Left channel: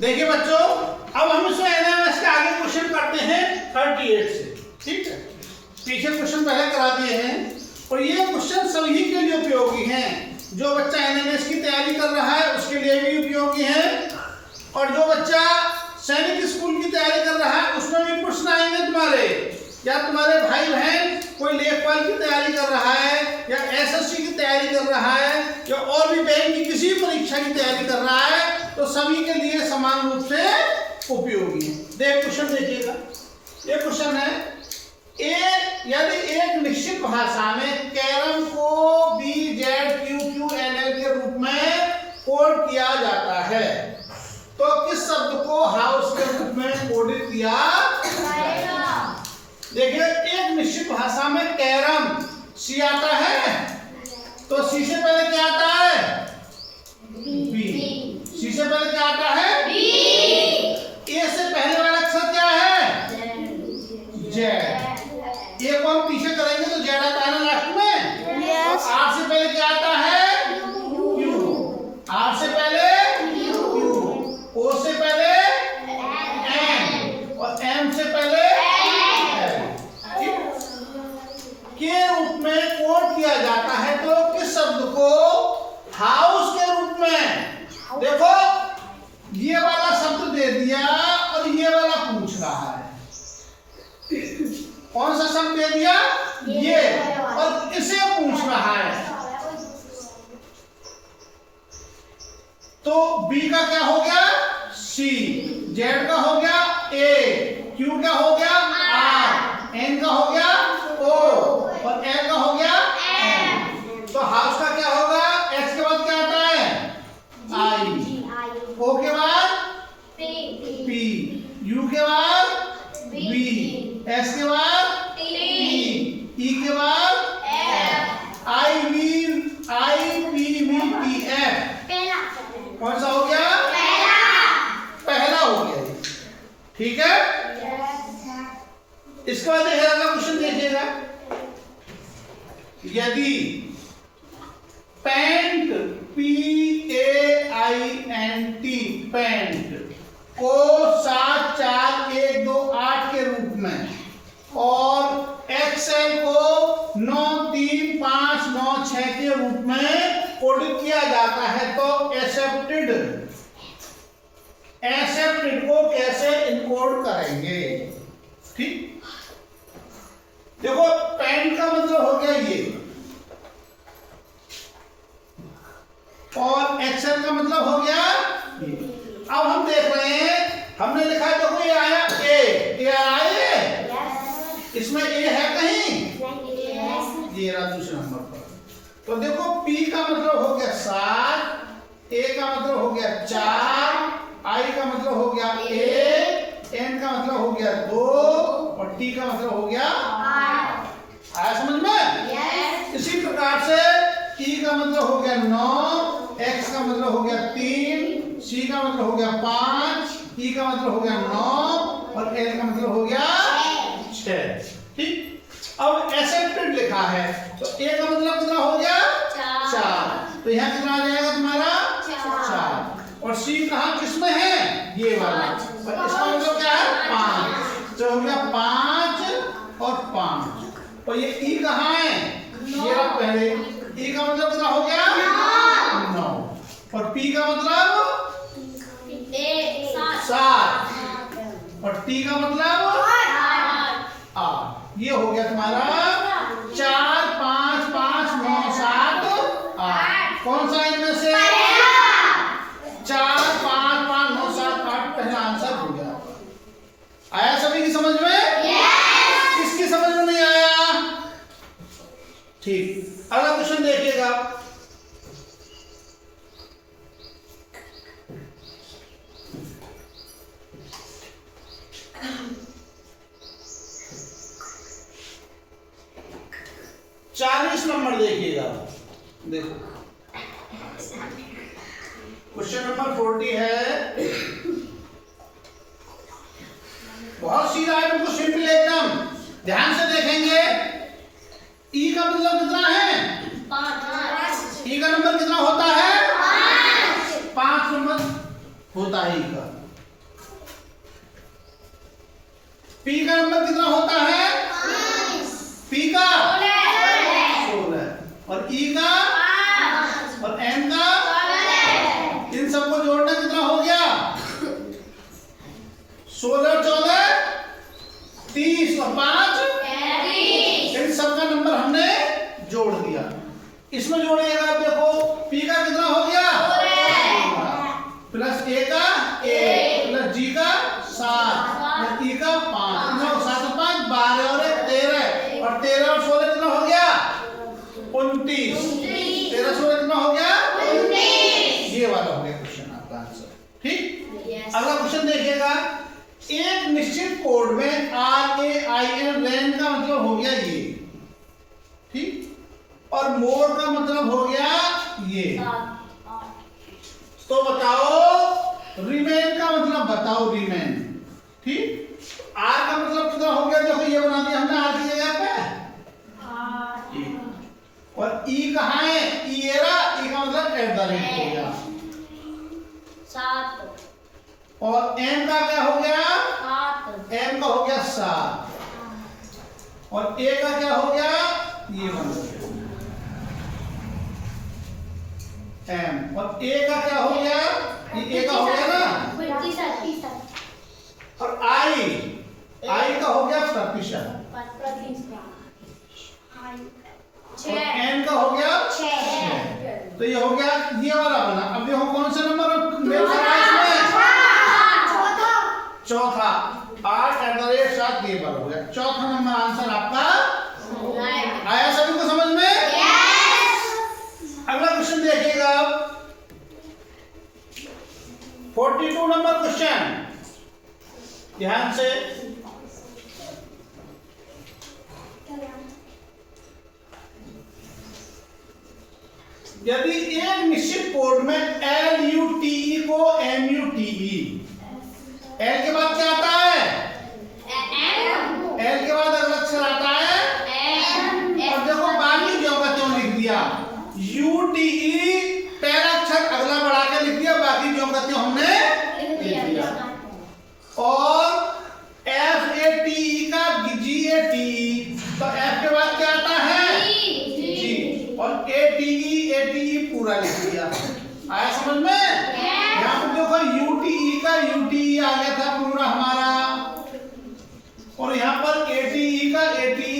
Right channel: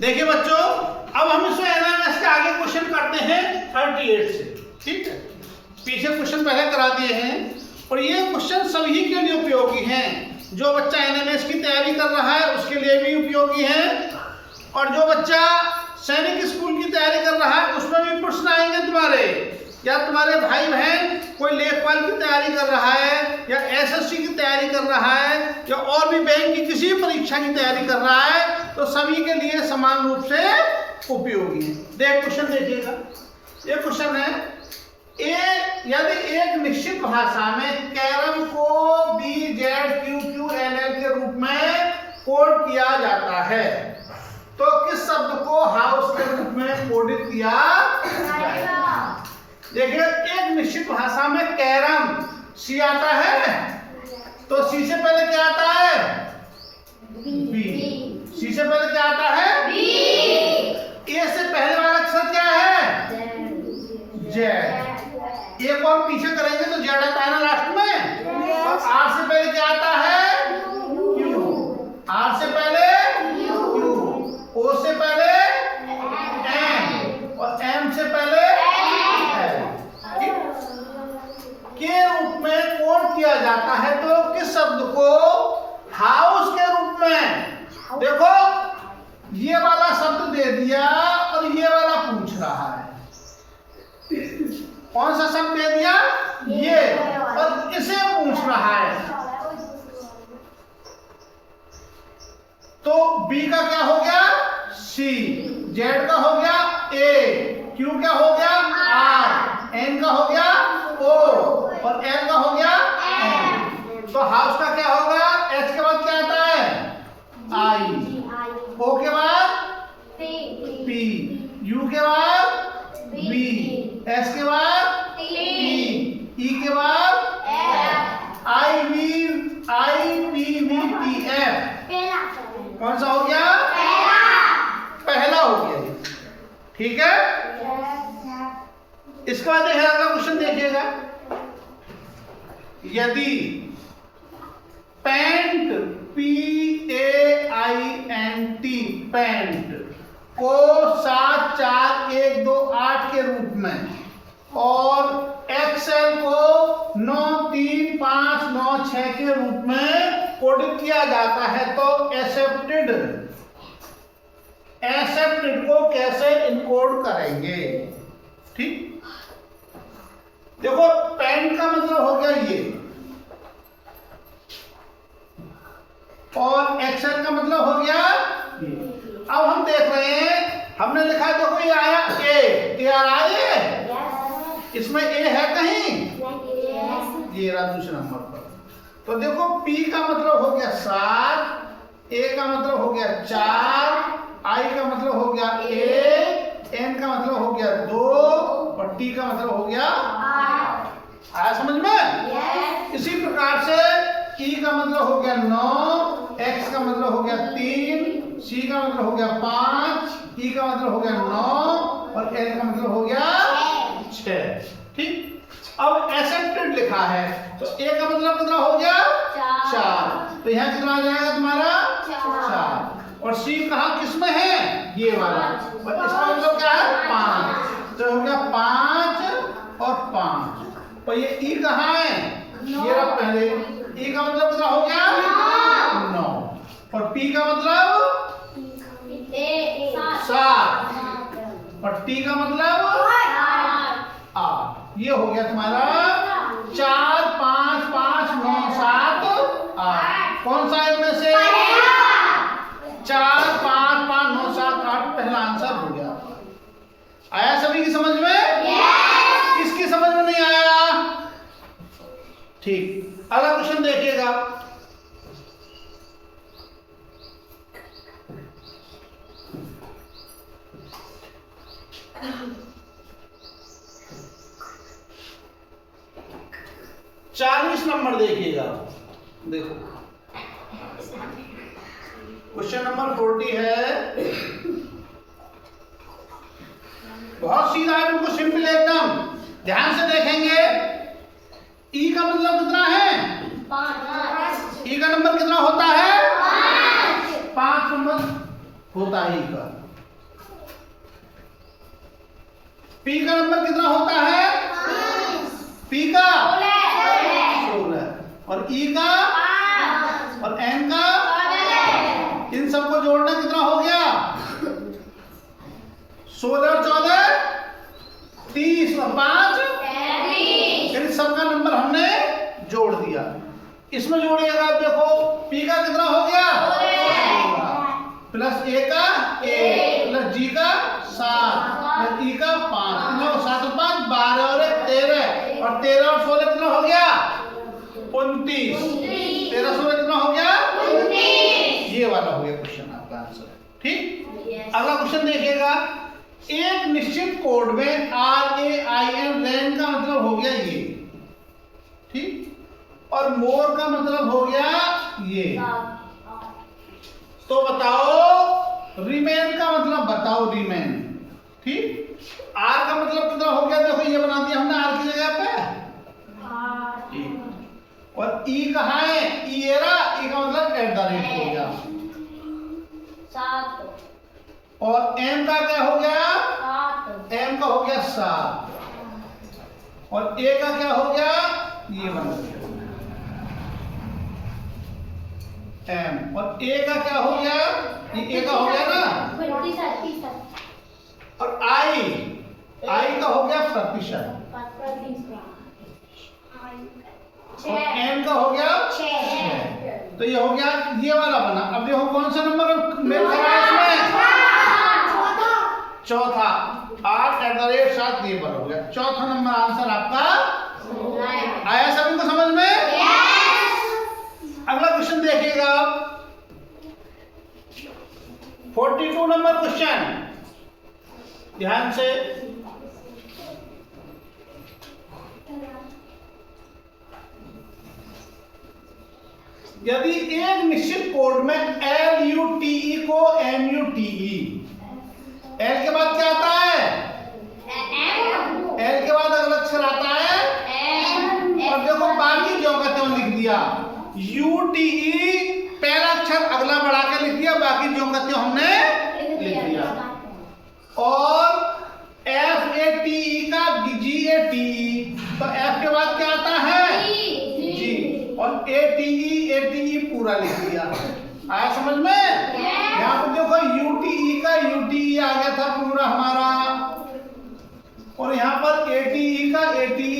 देखिए बच्चों, अब हम इसमें एनालिसिस के आगे क्वेश्चन करते हैं 38 से। ठीक है, पीछे क्वेश्चन पहले करा दिए हैं और ये क्वेश्चन सभी के लिए उपयोगी हैं। जो बच्चा एनालिसिस की तैयारी कर रहा है उसके लिए भी उपयोगी है, और जो बच्चा सैनिक स्कूल की तैयारी कर रहा है उसमें भी प्रश्न आएंगे तुम्हारे, या तुम्हारे भाई बहन कोई लेखपाल की तैयारी कर रहा है या एसएससी की तैयारी कर रहा है या और भी बैंक की किसी परीक्षा की तैयारी कर रहा है, तो सभी के लिए समान रूप से उपयोगी है। देख क्वेश्चन देखिएगा, ये क्वेश्चन है यदि एक निश्चित भाषा में कैरम को BZQQLL के रूप में कोड किया जाता है तो किस शब्द को हाउस के रूप में कोडित किया जाएगा? देखिए, एक निश्चित भाषा में कैरम सी आता है तो सी से पहले क्या आता है? बी। सी से पहले क्या आता है? बी। ए से पहले वाला अक्षर क्या है? जेड। ए को हम पीछे करेंगे तो जेड आता है ना लास्ट में। yes. और आर से पहले क्या आता है? क्यू। आर से पहले क्यू, ओ से पहले एम और एम से पहले के रूप में कोड किया जाता है तो किस शब्द को हाउस के रूप में? देखो, ये वाला शब्द दे दिया और ये वाला पूछ रहा है, कौन सा शब्द दे दिया? ये, और इसे पूछ रहा है। तो बी का क्या हो गया? सी। जेड का हो गया ए। क्यू का हो गया आर। एन का हो गया ओ और एल का हो गया एम। तो हाउस का क्या होगा? एच के बाद क्या आता है? आई। ओ के बाद पी। यू के बाद बी। एस के बाद टी। ई के बाद F. I P V T F. कौन सा हो गया? पहला हो गया। ठीक है, इसके बाद अगला क्वेश्चन देखिएगा। यदि पेंट PAINT पेंट को 7 4 1 2 8 के रूप में और एक्सेल को 9 3 5 9 6 के रूप में कोडित किया जाता है तो एक्सेप्टेड को कैसे इनकोड करेंगे? ठीक, देखो, पेंट का मतलब हो गया ये और एक्सेल का मतलब हो गया ये। अब हम देख रहे हैं, हमने लिखा है देखो ये आया ए आया है, इसमें ए है कहीं? ये रहा दूसरे नंबर पर। तो देखो, पी का मतलब हो गया 7, ए का मतलब हो गया 4, आई का मतलब हो गया 1, एन का मतलब हो गया 2 और टी का मतलब हो गया 8। आया समझ में? yes. इसी प्रकार से ई का मतलब हो गया 9, एक्स का मतलब हो गया 3, सी का मतलब हो गया 5, ई का मतलब हो गया 9 और एल का मतलब हो गया 6। ठीक, अब एक्सेप्टेड लिखा है तो ए का मतलब कितना हो गया? 4। तो यहाँ कितना आ जाएगा तुम्हारा? 4। और सी कहाँ किस में है? ये वाला, और इसका मतलब क्या है? 5। तो हो गया 5 और 5। और ये ई कहाँ है? ये रहा पहले। ई का मतलब कितना हो गया? 9। और पी का मतलब 7 और टी का मतलब 8। ये हो गया तुम्हारा 4 5 5 9 7 8। कौन सा इनमें से? 4 5 5 9 7 8 पहला आंसर हो गया। आया सभी की समझ में? yes. किसकी समझ में नहीं आया? ठीक, अगला क्वेश्चन देखिएगा। चालीस नंबर देखिएगा। देखो, क्वेश्चन नंबर 40 है, बहुत सीधा है, बिल्कुल सिंपल एकदम। ध्यान से देखेंगे। ई का मतलब कितना है? 5। ई का नंबर कितना होता है? 5 नंबर होता है ई का। पी का नंबर कितना होता है? पी का 16 और ई का और एम का, इन सबको जोड़ना कितना हो गया? 16 14 30 और 5 इन सबका नंबर हमने जोड़ दिया। इसमें जोड़िएगा आप, देखो पी का कितना हो गया? प्लस ए का प्लस जी का 7 प्लस ई का 5, 9 7 5 12 और 1 13 और 13 और 16 कितना हो गया? 29। 13 16 कितना हो गया? 29। ये वाला हो गया क्वेश्चन आपका आंसर। ठीक, अगला क्वेश्चन देखिएगा। एक निश्चित कोड में RAIN रैन का मतलब हो गया ये, ठीक, और मोर का मतलब हो गया ये। तो बताओ रिमेन का मतलब बताओ, रिमेन, ठीक। आर का मतलब कितना हो गया? देखो ये बना दिया हमने आर की जगह पे, और ई कहाँ है? ई का मतलब एट द रेट हो गया 7 और एम का क्या हो गया? 7 एम का हो गया 7 और ए का क्या हो गया? ये बन गया एम, और ए का क्या हो गया? ये ए का हो गया ना, 37 और आई का हो गया 37 और एन का हो गया 6। तो ये हो गया, ये वाला बना। अब देखो कौन सा नंबर मेल कर रहा है इसमें? चौथा 8 ये बार हो गया। चौथा नंबर आंसर आपका आया। सभी को समझ में? अगला क्वेश्चन देखिएगा आप, 42 नंबर क्वेश्चन, ध्यान से। यदि एक निश्चित कोड में LUTE को MUTE, L के बाद क्या आता है? L के बाद अगला अक्षर आता है और देखो बाकी जो का त्यों लिख दिया। UTE पहला अक्षर अगला बढ़ा के लिख दिया, बाकी जो का त्यों हमने लिख दिया। और FATE का GATE, तो F के बाद क्या आता है? G, और ATE पूरा लिख दिया। आया समझ में? यहाँ पर देखो UTE का UTE आ गया था पूरा हमारा, और यहाँ पर ATE का ATE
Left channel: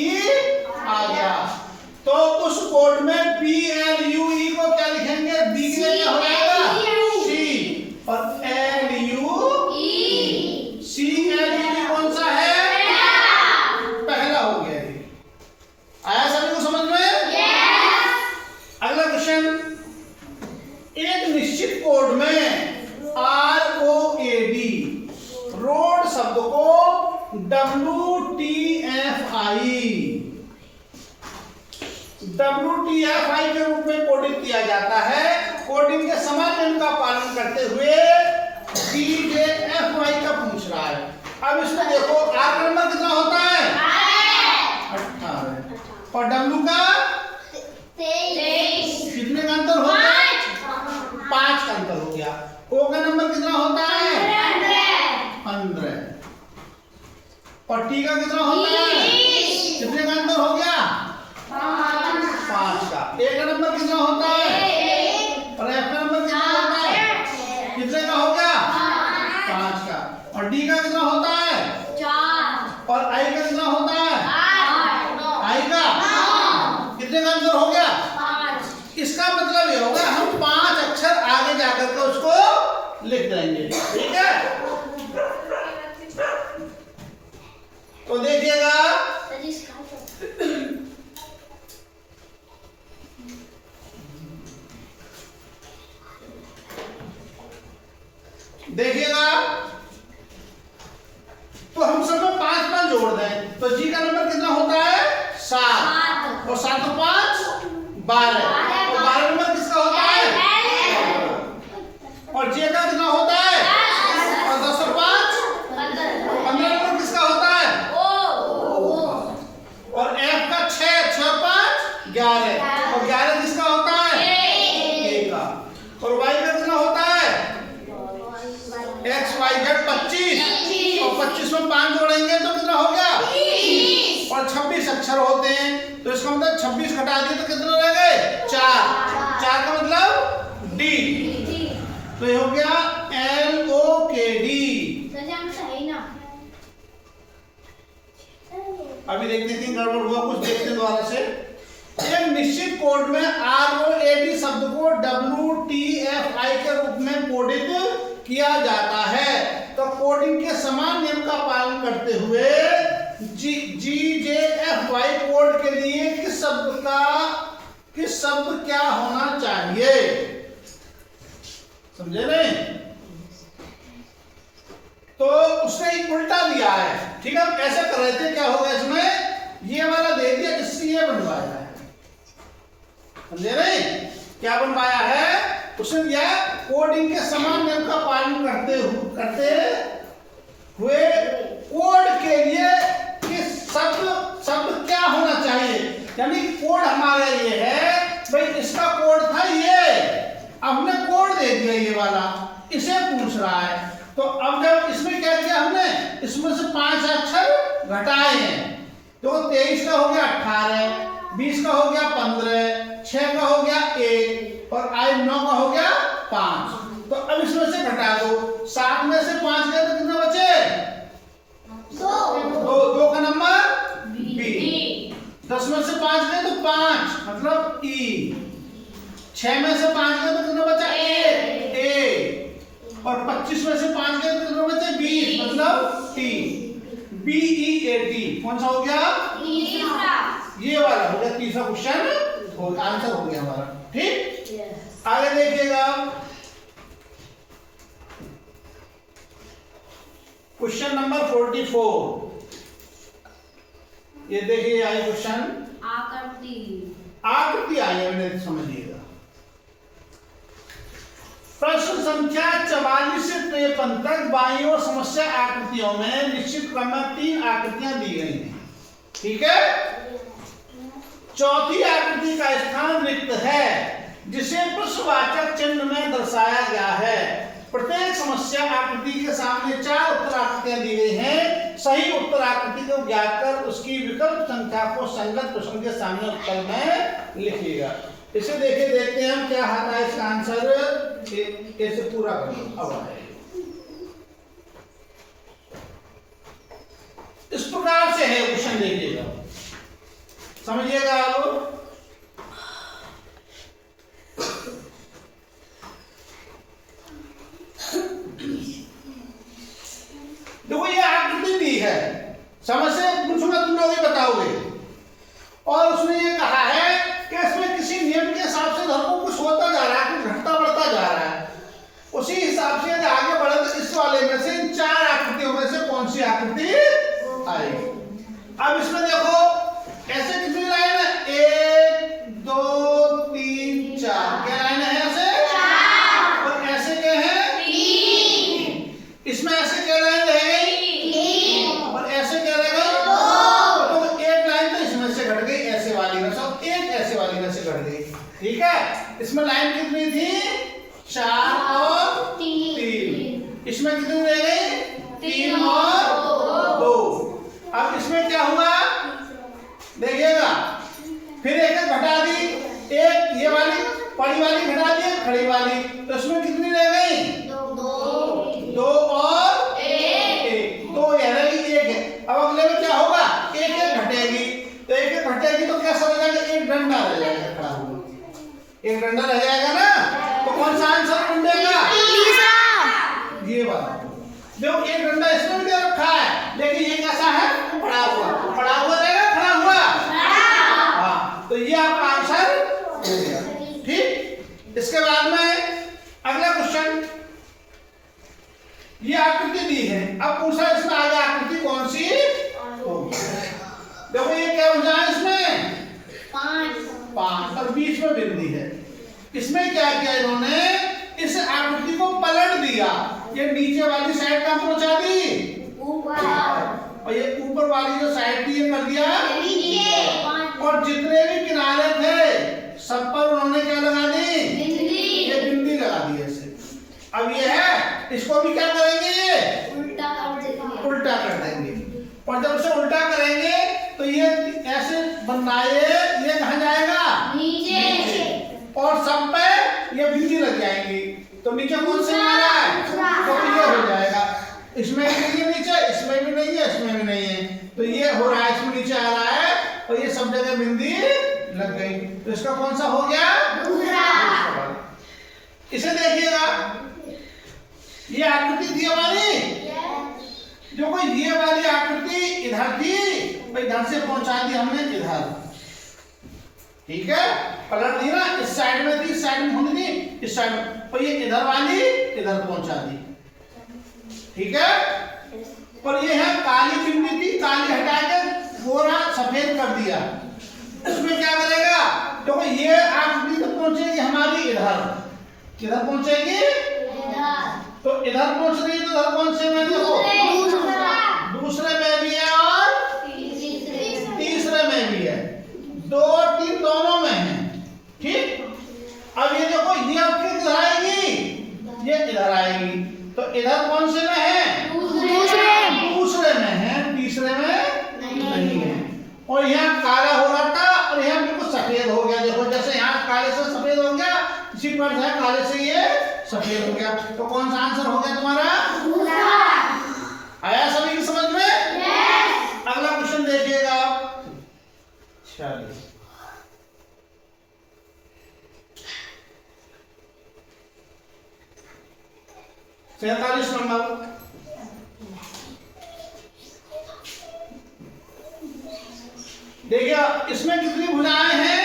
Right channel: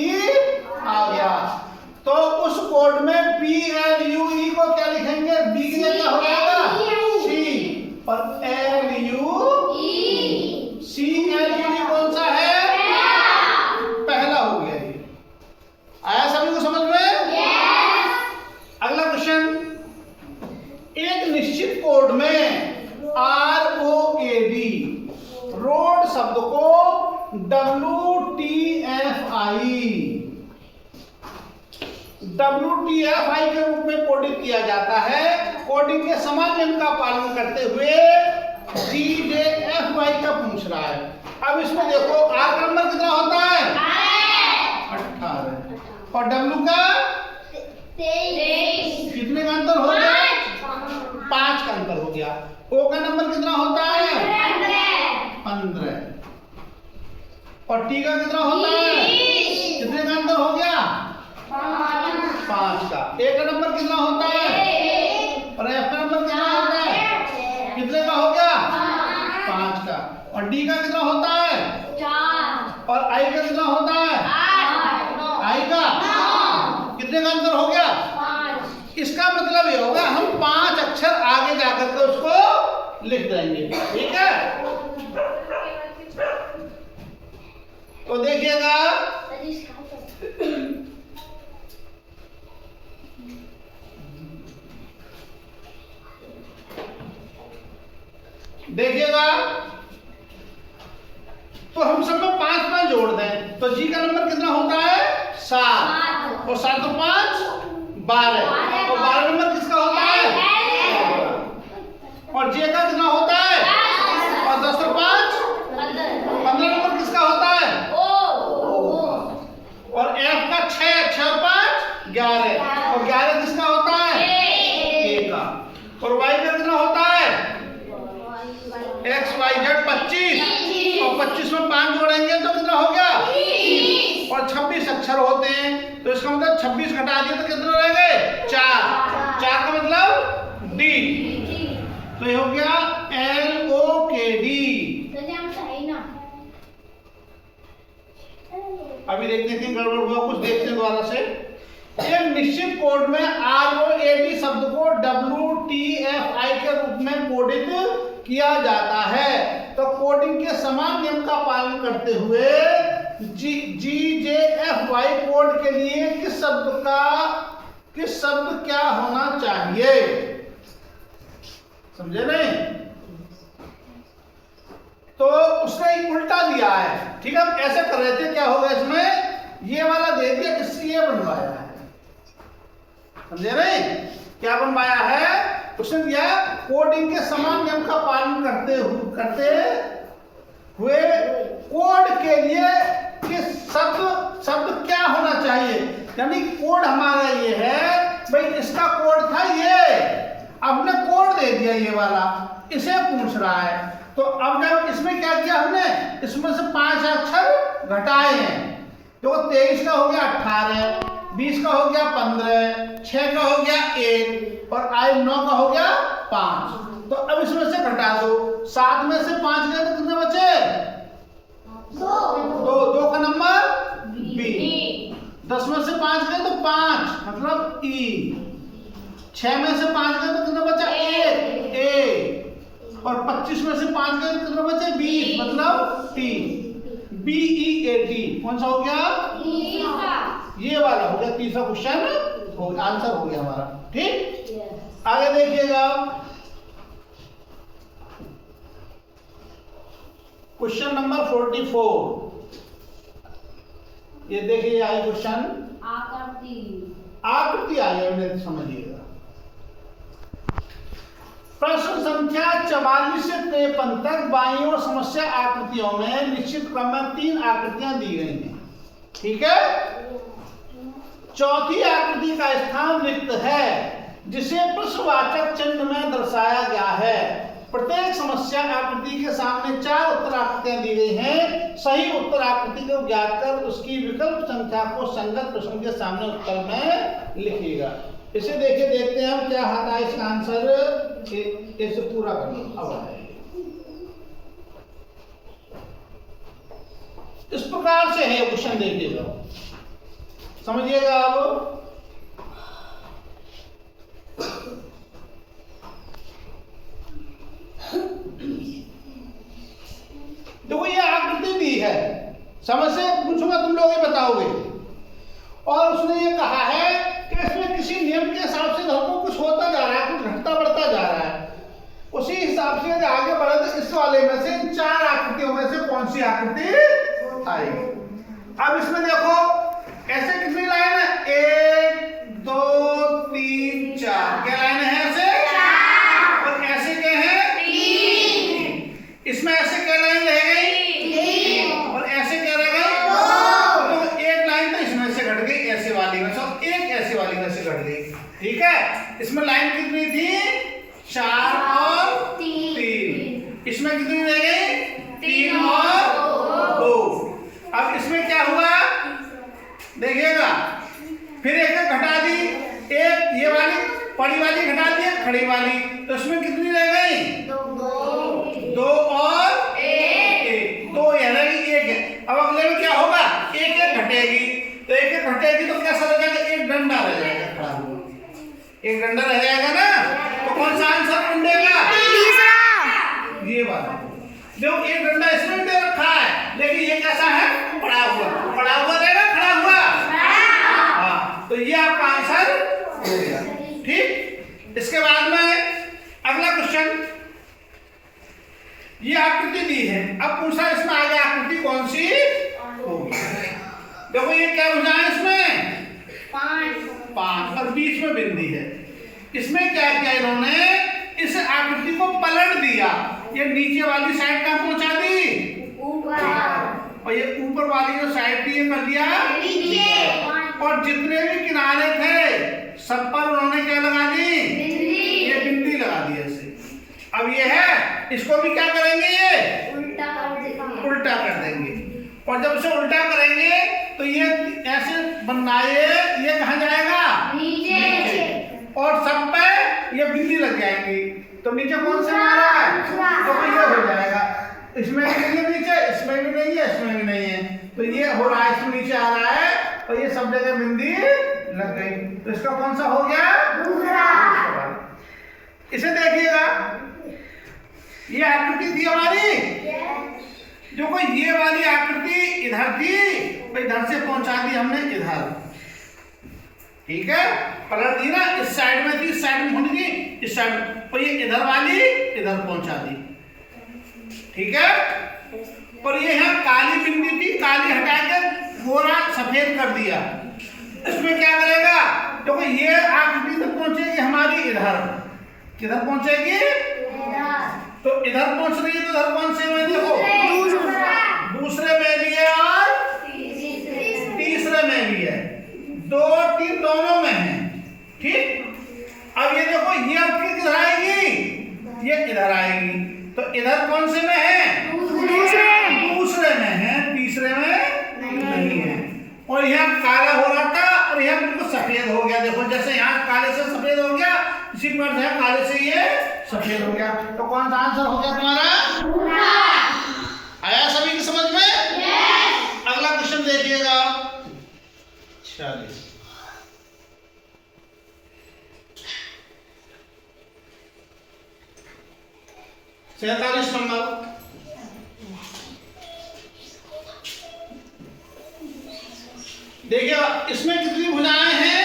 आ गया। तो उस कोड में PLUE को क्या लिखेंगे? B के लिए हो जाएगा C, और LUE, CLUE कौन सा है? पहला हो गया ये। आया सभी को समझ में? अगला क्वेश्चन, एक निश्चित कोड में ROAD, रोड शब्द को WTFI के रूप में कोडित किया जाता है। कोडिंग के समान नियम का पालन करते हुए DJFY का पूछ रहा है। अब इसमें देखो R का नंबर कितना होता है? 18 और W का 23। कितने का अंतर हो गया? 5 का अंतर हो गया। O का नंबर कितना होता है? 15 और T का कितना होता है? कितने का अंतर हो गया? 5 का। A का नंबर कितना होता है? और F का नंबर कितना होता है? कितने का हो गया? 5 का। और D का कितना होता है? 4। और I का कितना होता है? 8। I का कितने का अंतर हो गया? 5। इसका मतलब ये होगा हम 5 अक्षर आगे जाकर के उसको लिख देंगे, ठीक है? तो देखिएगा, देखिएगा तो हम सब में 5 जोड़ दें तो जी का नंबर कितना होता है? 7 और 7 और 5 12 और 12 नंबर किसका होता है? और जे का कितना होता है? और 10 और 5 15 नंबर किसका होता है? और एफ का 6 6 और 5 11 और 11 किसका होता है? ए का। और वाई का कितना होता है? XYZ 25 और 25 में 5 जोड़ेंगे तो कितना इसका मतलब 26 घटा दिए तो कितने रह गए? 4। 4 का मतलब डी। तो ये हो गया LOKD। अभी देखते हैं कि गड़बड़ हुआ कुछ, देखते हैं दोबारा से। एक निश्चित कोड में ROAD शब्द को WTFI के रूप में कोडित किया जाता है। तो कोडिंग के समान नियम का पालन करते हुए GJFY कोड के लिए किस शब्द क्या होना चाहिए? समझे नहीं? तो उसने एक उल्टा दिया है। ठीक है, हम ऐसे कर रहे थे, क्या होगा इसमें? ये वाला दे दिया, इससे ये बनवाया है। समझे नहीं? क्या बनवाया है? उसने दिया कोडिंग के समान नियम का पालन करते हुए कोड के लिए किस शब्द क्या होना चाहिए? यानी कोड हमारा ये है भाई, इसका कोड था ये, अब हमने कोड दे दिया ये वाला, इसे पूछ रहा है। तो अब जब इसमें क्या किया हमने, इसमें से 5 अक्षर घटाए हैं। तो 23 का हो गया 18, 20 का हो गया 15, 6 का हो गया 1 और 9 का हो गया 5। तो अब इसमें से घटा दो, 7 में से 5 गए तो कितने बचे? 2 का नंबर बी। 10 में से 5 गए तो 5 मतलब ई। 6 में से 5 गए तो कितना बचा? ए। और 25 में से 5 गए तो कितना बचे? 20 मतलब टी। BEAT कौन सा हो गया? ये वाला हो गया तीसरा क्वेश्चन, आंसर हो गया हमारा। ठीक, आगे देखिएगा क्वेश्चन नंबर 44। ये देखिए आई क्वेश्चन, आकृति आई है, समझिएगा। प्रश्न संख्या 44 से 53 तक बाईं ओर समस्या आकृतियों में निश्चित क्रम में 3 आकृतियां दी गई हैं। ठीक है, चौथी आकृति का स्थान रिक्त है जिसे प्रश्नवाचक चिन्ह में दर्शाया गया है। प्रत्येक समस्या आकृति के सामने 4 उत्तर आकृतियां दी गई हैं। सही उत्तर आकृति को ज्ञात कर उसकी विकल्प संख्या को संगत प्रश्न के सामने उत्तर में लिखिएगा। इसे देखते हैं हम क्या आता है इसका आंसर। कैसे पूरा करें अब आए इस प्रकार से है क्वेश्चन, देखिएगा समझिएगा आप। देखो ये आकृति दी है, समझ से पूछूंगा तुम लोग ही बताओगे। और उसने ये कहा है कि इसमें किसी नियम के हिसाब से धर्म कुछ होता जा रहा है, कुछ घटता बढ़ता जा रहा है। उसी हिसाब से आगे बढ़े तो इस वाले में से इन 4 आकृतियों में से कौन सी आकृति आएगी। अब इसमें देखो ऐसे कितनी लाइन है? 1 2 3 4। क्या लाइन है ऐसे? और ऐसे क्या है? 3। इसमें ऐसे क्या लाइन रह गई? और ऐसे क्या रह गई? 2। तो एक लाइन तो इसमें से घट गई, ऐसे वाली में से, एक ऐसे वाली में से घट गई। ठीक है, इसमें लाइन कितनी थी? 4 और 3। इसमें कितनी रह गई? 3 और 2। अब इसमें क्या हुआ देखिएगा, फिर एक घटा दी, एक ये वाली बड़ी वाली घटा दी, खड़ी वाली, तो इसमें कितनी रह गई? 2 और 1। 2 रह गई, 1। अब अगले में क्या होगा? 1 घटेगी, तो 1 घटेगी तो क्या समझ आएगा? एक डंडा रह जाएगा खड़ा हुआ, एक डंडा रह जाएगा ना। तो कौन सा आंसर ढूंढेगा? ये वाला। देखो एक डंडा इसमें भी दे रखा है, लेकिन ये कैसा है? पड़ा हुआ। पड़ा हुआ रहेगा, खड़ा हुआ। हाँ, तो ये आपका आंसर हो गया। ठीक, इसके बाद में अगला क्वेश्चन, ये आकृति दी है, अब पूछा इसमें आगे आकृति कौन सी होगी। देखो ये क्या हो जाए इसमें? 5 और बीच में बिंदी है। इसमें क्या किया इन्होंने? इस आकृति को पलट दिया, ये नीचे वाली साइड का पहुंचा दी और ये ऊपर वाली जो साइड थी ये कर दिया नीचे। और जितने भी किनारे थे सब पर उन्होंने क्या लगा दी? ये बिंदी लगा दी ऐसे। अब ये है, इसको भी क्या करेंगे? ये उल्टा कर देंगे। और जब इसे उल्टा करेंगे तो ये ऐसे बनना है, ये कहाँ जाएगा? नीचे। और सब पे ये बिंदी लग जाएंगी, तो नीचे कौन से आ रहा है? तो ये हो जाएगा। इसमें भी नहीं है नीचे, इसमें भी नहीं है, इसमें भी नहीं है, तो ये हो रहा है, इसमें नीचे आ रहा है और ये सब जगह बिंदी लग गई, तो इसका कौन सा हो गया? दूसरा। इसे देखिएगा, ये आकृति थी हमारी, जो कोई ये वाली आकृति इधर थी, इधर से पहुंचा दी हमने इधर, ठीक है, पलट दी ना, इस साइड में थी, इस साइड में होनी थी, इस साइड में, और ये इधर वाली इधर पहुंचा दी, ठीक है। पर ये है काली बिंदी थी, काली हटा के गोरा सफेद कर दिया, इसमें क्या करेगा? तो ये आकृति तो पहुंचेगी हमारी इधर, किधर पहुंचेगी? तो इधर पहुंच रही है, तो इधर कौन से में देखो? दूसरे में भी है और तीसरे में भी है, 2 3 दोनों में है, ठीक। अब ये देखो, ये अब किधर आएगी? ये इधर आएगी, तो इधर कौन से में है? दूसरे में है, तीसरे में नहीं है। और यहाँ काला हो रहा था और यहाँ बिल्कुल सफेद हो गया, देखो जैसे यहाँ काले से सफेद हो गया, इसी पर है काले से ये सफेद हो गया, तो कौन सा आंसर हो गया तुम्हारा? आया सभी की समझ में? अगला क्वेश्चन देखिएगा, 46 47 नंबर। देखिए इसमें कितनी भुजाएं हैं?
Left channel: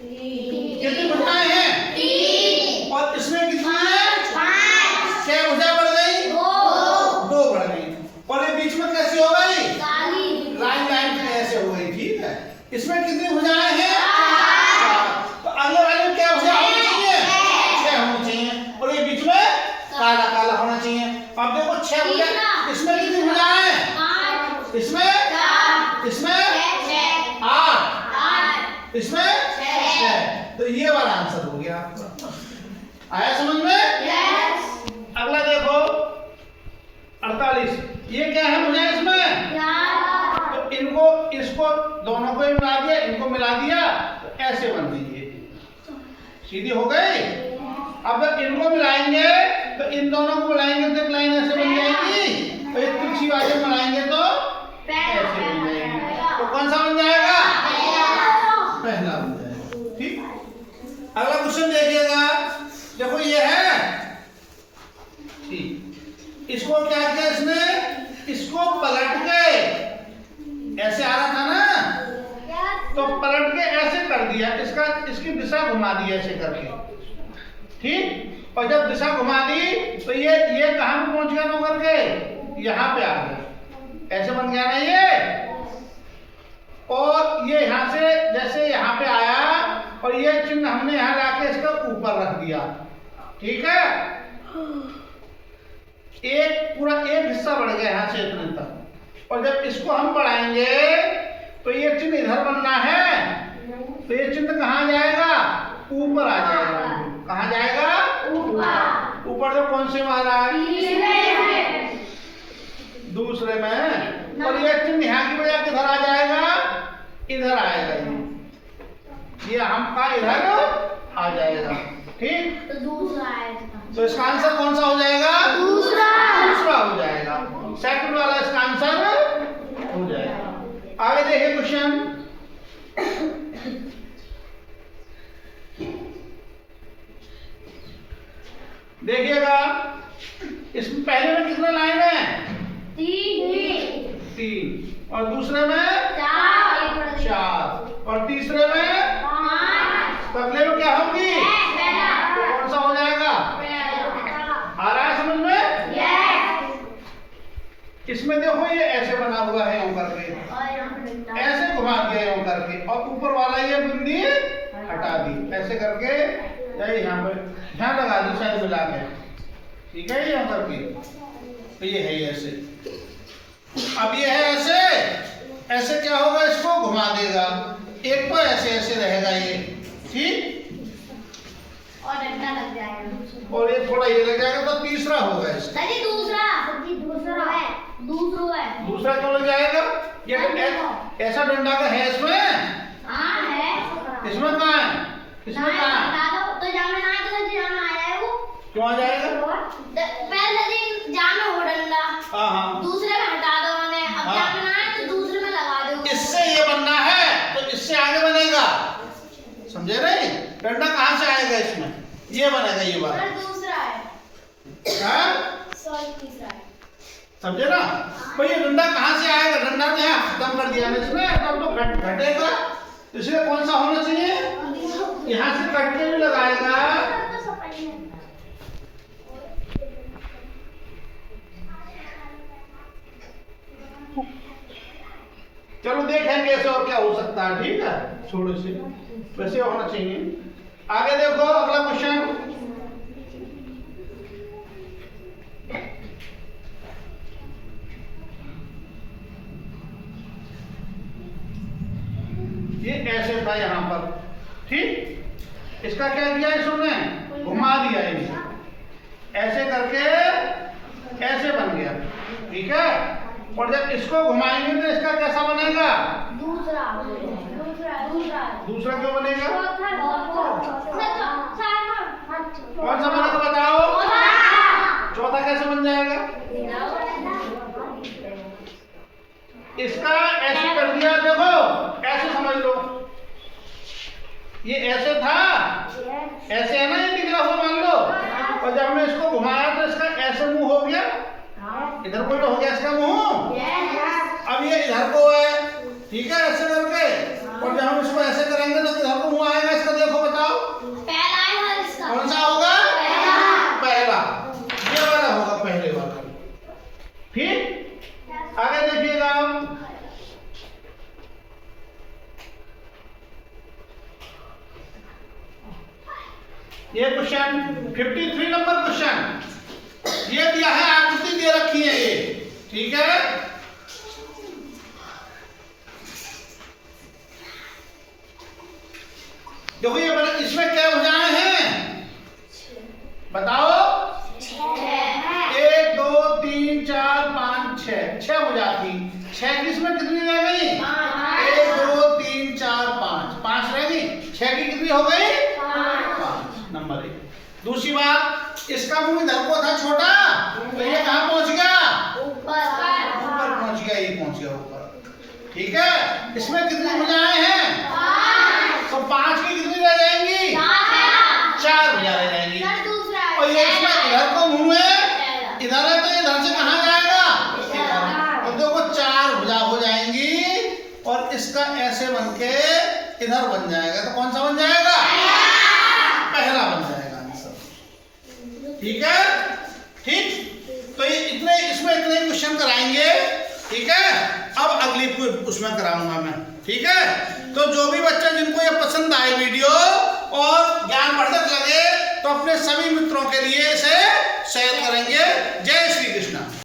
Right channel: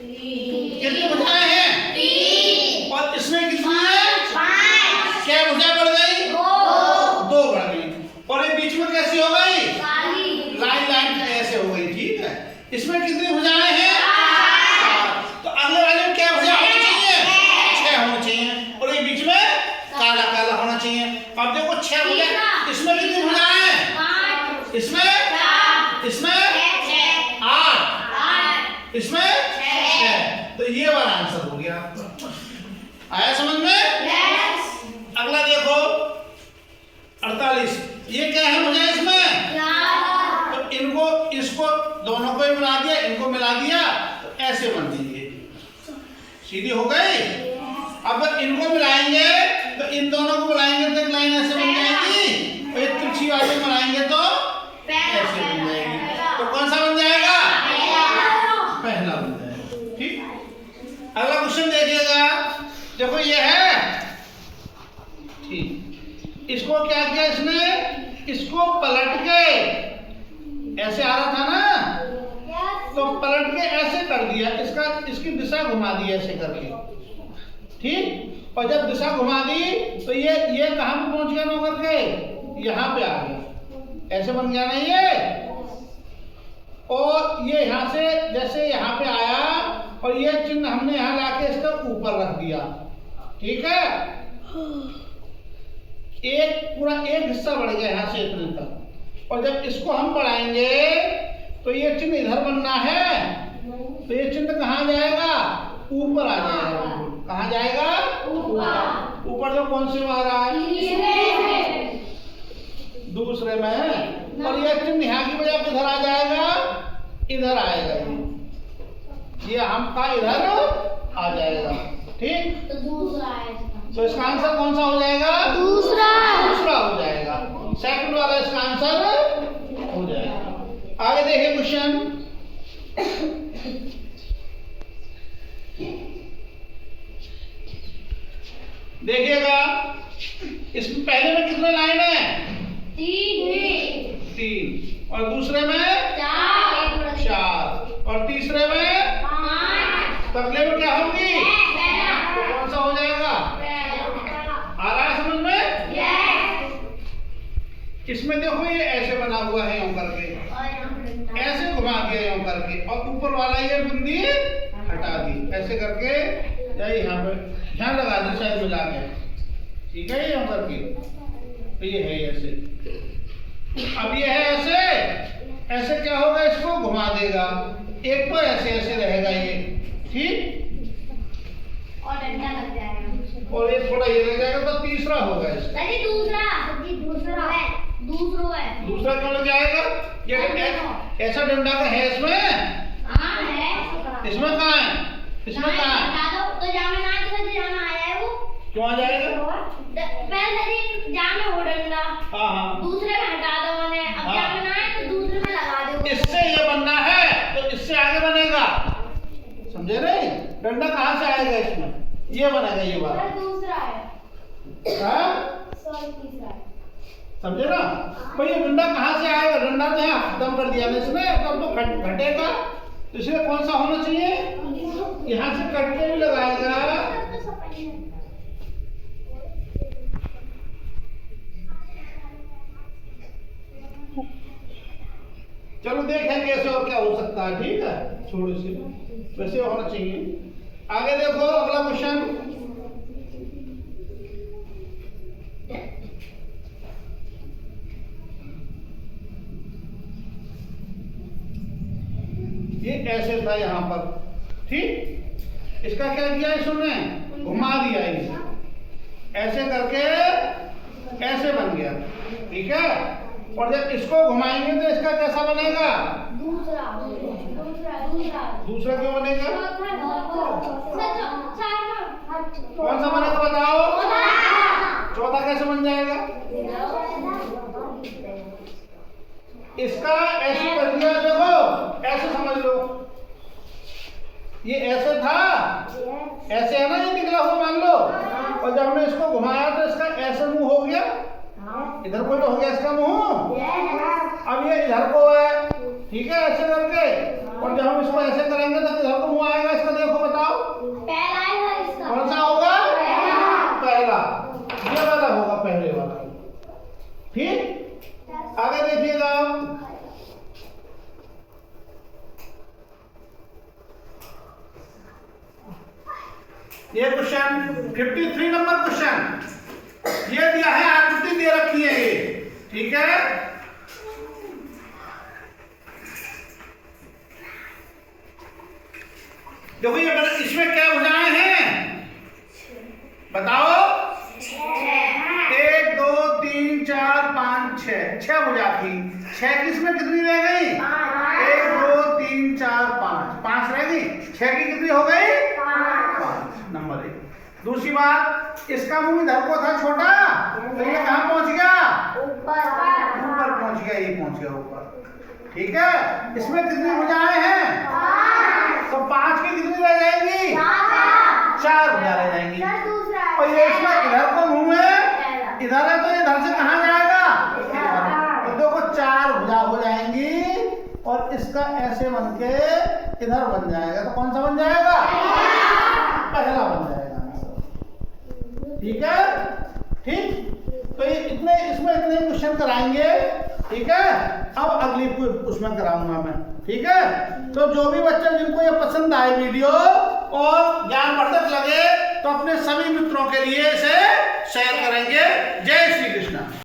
कितनी भुजाएं हैं? 3। और इसमें कितनी है? 5। क्या भुजा बढ़ गई? 2 बढ़ गई, और ये बीच में कैसी हो गई? लाइन लाइन ऐसे हो गई, ठीक है। इसमें कितनी भुजाएं हैं? 4। तो अगले वाले में क्या भुजा होनी चाहिए? 6 होनी चाहिए, और ये बीच में काला काला होना चाहिए। अब देखो 6 भुजा, इसमें कितनी भुजाएं हैं? 5। इसमें 4। इसमें 8, इसमें 6, तो ये वाला आंसर हो गया। आया समझ में? अगला देखो 48, ये क्या है मुझे इसमें? तो इनको इसको दोनों को मिला दिया, इनको मिला दिया, तो ऐसे बन गई ये, सीधी हो गई। अब इनको मिलाएंगे तो इन दोनों को मिलाएंगे तो एक लाइन ऐसे बन जाएगी, और एक तिरछी वाले मिलाएंगे तो ऐसे बन जाएगी, तो कौन सा बन जाएगा? पहला बन जाएगा, ठीक। अगला क्वेश्चन देखिएगा, देखो ये है, ठीक, इसको क्या किया इसने? इसको पलट के, ऐसे आ रहा था ना, तो पलट के ऐसे कर दिया, इसकी दिशा घुमा दी ऐसे करके, ठीक। और जब दिशा घुमा दी तो ये कहां पे पहुंच गया नौ करके? यहाँ पे आ गया, ऐसे बन गया ना ये। और ये यहाँ से जैसे यहाँ पे आया, और ये चिन्ह हमने यहाँ लाके इसका ऊपर रख दिया, ठीक है। पूरा एक हिस्सा बढ़ गया यहाँ से इतने तक, और जब इसको हम बढ़ाएंगे तो ये चिन्ह इधर बनना है, तो ये चिन्ह कहाँ जाएगा? ऊपर आ जाएगा। कहाँ जाएगा? ऊपर जो कौन से मारा है? दूसरे में। और ये चिन्ह यहाँ की बजाय किधर आ जाएगा? इधर आएगा, ये हमका इधर आ जाएगा, ठीक। तो इसका आंसर कौन सा हो जाएगा? दूसरा हो जाएगा, सेकंड वाला इसका आंसर हो जाएगा। आगे देखिए क्वेश्चन, देखिएगा, इसमें पहले में कितना लाइन है? 3, और दूसरे में 4, और तीसरे में 5, तो अगले में क्या होगी? तो कौन सा हो जाएगा? आ रहा है समझ में? इसमें देखो ये ऐसे बना हुआ है यूं करके, ऐसे घुमा दिया यूं करके, और ऊपर वाला ये बिंदी हटा दी, ऐसे करके यहाँ पे यहाँ लगा दो साइड में लाके, ठीक है, यहाँ करके, तो ये है ऐसे। अब ये है ऐसे, ऐसे क्या होगा? इसको घुमा देगा, एक तो ऐसे ऐसे रहेगा ये, ठीक, और ये थोड़ा ये लग जाएगा, तो तीसरा होगा इसका। दूसरा क्यों लग जाएगा? ऐसा डंडा का है इसमें? हाँ है। इसमें कहाँ है? इसमें कहाँ है? बता दो तो जामे ना तो जामे आ जाए वो। क्यों आ जाएगा? पहले दिन जामे हो डंडा। हाँ हाँ। दूसरे में हटा दो मैंने, अब हाँ। जामे ना है तो दूसरे में लगा दो। इससे ये बनना है तो इससे आगे बनेगा, समझे नहीं? डंडा कहाँ से आएगा इसमें? ये बनेगा ये वाला। सर दूसरा है। हाँ? सॉरी तीसरा है। समझे ना? भाई ये डंडा कहाँ से आएगा? डंडा तो यहाँ खत्म कर दिया ना इसमें, तब तो घटेगा। इसलिए कौन सा होना चाहिए? यहाँ से कट के भी लगाएगा। चलो देखेंगे कैसे और क्या हो सकता है, ठीक है? छोड़ो इसे, वैसे होना चाहिए। आगे देखो अगला क्वेश्चन। ये ऐसे था यहाँ पर, ठीक? इसका क्या किया इसने? घुमा दिया इसे, ऐसे करके ऐसे बन गया, ठीक है? और जब इसको घुमाएंगे तो इसका कैसा बनेगा? दूसरा दूसरा दूसरा दूसरा क्यों बनेगा? चौथा कौन सा बनेगा बताओ? चौथा कैसे बन जाएगा? इसका ऐसे कर दिया, देखो ऐसे समझ लो, ये ऐसे था, ऐसे है ना, ये निकला हुआ मान लो, और जब हमने इसको घुमाया तो इसका ऐसे मुंह हो गया, इधर को तो हो गया इसका मुंह। अब ये इधर को है, ठीक है, ऐसे करके, और जब हम इसको ऐसे करेंगे तो इधर को मुंह आएगा इसका। देखो बताओ पहला है इसका। कौन सा होगा? पहला, ये वाला होगा, पहले वाला, ठीक? आगे देखिएगा आप, ये क्वेश्चन 53 नंबर क्वेश्चन, ये दिया है, आकृति दे रखी है ये, ठीक है? देखो ये इसमें क्या भुजाएं हैं बताओ? 1 2 3 4 5 6, 6 भुजा थी। 6 की इसमें कितनी रह गई? 1 2 3 4 5, 5 रह गई। 6 की कितनी हो गई? 5, नंबर 1। दूसरी बात, इसका मुंह इधर को था छोटा, तो ये कहाँ पहुंच गया? ऊपर पहुंच गया, ये पहुंच गया ऊपर, ठीक है? इसमें कितनी भुजाएं हैं? तो 5 की कितनी रह जाएंगी? 4 भुजा रह जाएंगी। और ये इसमें इधर को मुंह है, इधर है, तो इधर से कहाँ जाएगा? इधर। तो देखो 4 भुजा हो जाएंगी, और इसका ऐसे बन के इधर बन जाएगा, तो कौन सा बन जाएगा? पहला बन जाएगा आंसर, ठीक है? ठीक, तो ये इतने, इसमें इतने क्वेश्चन कराएंगे, ठीक है? अब अगली उसमें कराऊंगा मैं, ठीक है? तो जो भी बच्चे जिनको ये पसंद आए वीडियो और ज्ञानवर्धक लगे, तो अपने सभी मित्रों के लिए इसे शेयर करेंगे। जय